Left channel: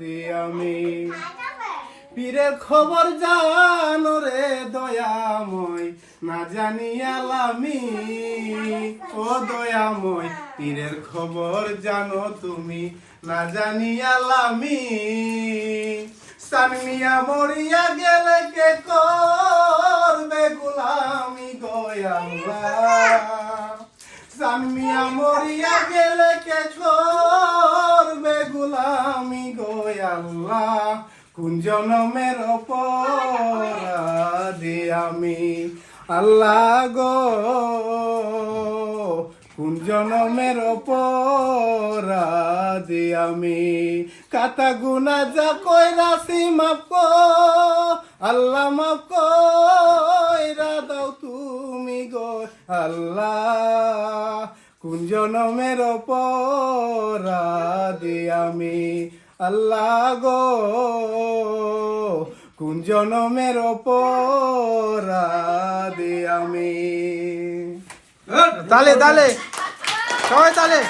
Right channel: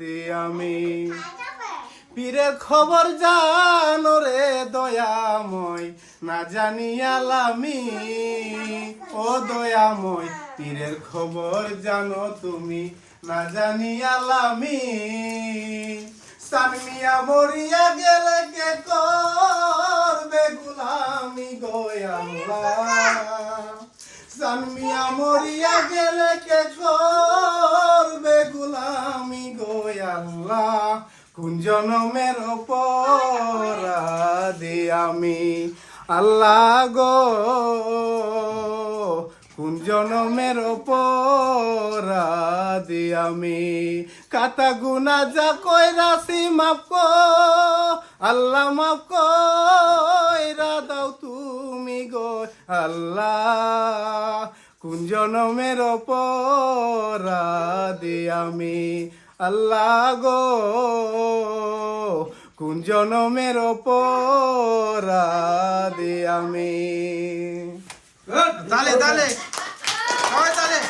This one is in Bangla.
অপরাধী আমি। পীরের খবর জানো রে দয়াময়, না জানিয়ালামি ও দয়াময়। পীরের খবর জানো তুমি, না জানিয়ালামি। সানমিয়া মরিয়া গেলে কে করবে গোলামি গো আল্লাহ। সানমিয়া মরিয়া গেলে কে করবে গোলামি গো আল্লাহ। কোন জনমের অপরাধী আমি আল্লাহ গো, কোন জনমের অপরাধী আমি। কাতা গুনা যা কইরাছি মাফ কো আল্লাহ, মাফ কইরা দাও তুমি গো আল্লাহ। কোন জনমের অপরাধী আমি আল্লাহ গো, কোন জনমের অপরাধী আমি। তালে তালে সবাই তালে।